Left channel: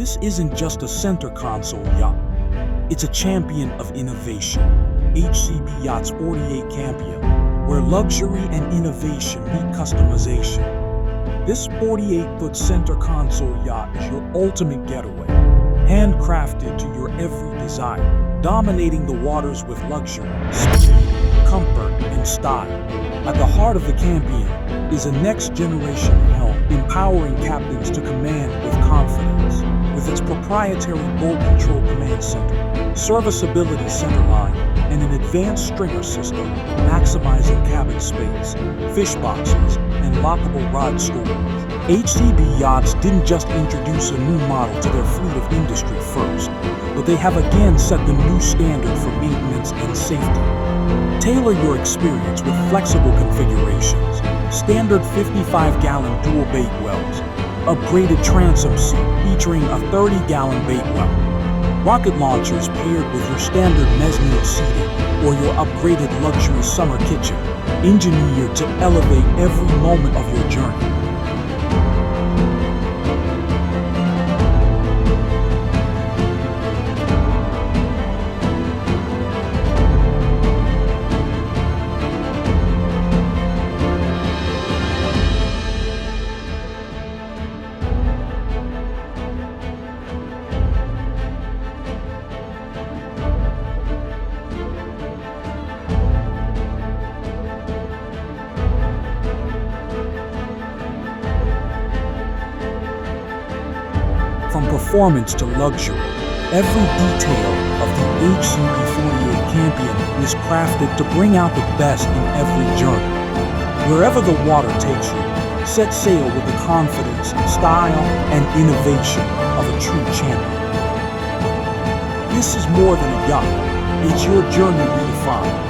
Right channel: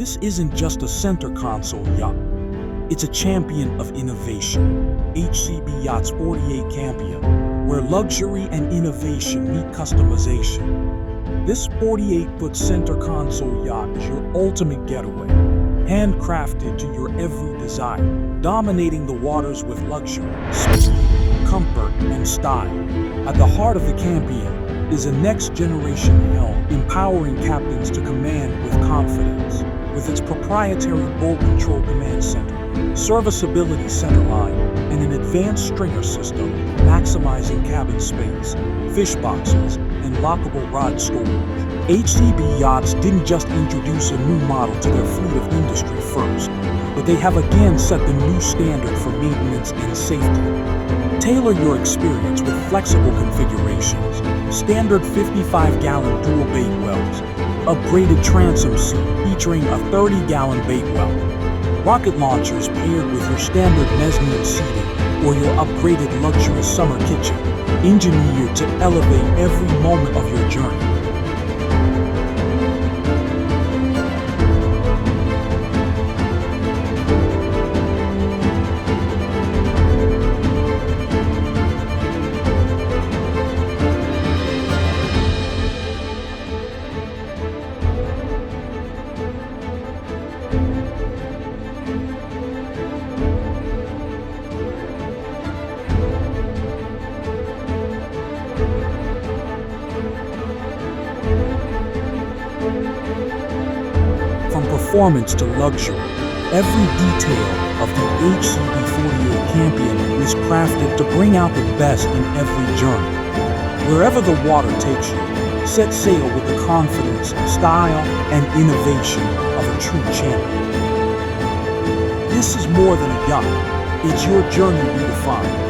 This isn't just a center console yacht. It's a champion of innovation. HCB Yachts 48 Campeon, where luxury and innovation meet customization. This 48-foot center console yacht is your ultimate getaway, handcrafted to your every desire, dominating the waters with luxury, speed, comfort, and style. At the heart of the Campeon is a next-generation helm, empowering captains to command with confidence. With its proprietary bolt control command center, serviceability centerline, and an advanced stringer system maximizing cabin space, fish boxes, and lockable rod storage, HCB Yachts didn't just introduce a new model to their fleet of industry first, but they have again set the new standard for maintenance and safety. Tailor your experience with flexible configurations, standard 55-gallon dual bait wells, upgraded transom seat featuring a 30-gallon bait well, rocket launchers paired with your standard mezzanine seating or your upgraded luxury summer kitchen, engineered to elevate every moment of your journey. From performance to luxury, every detail of the HCB 48 Campeon is crafted to bring out the best in every journey. Wherever the water takes you, set sail with the confidence, style, and innovation of a true champion. This is more than a yacht. It's your journey redefined.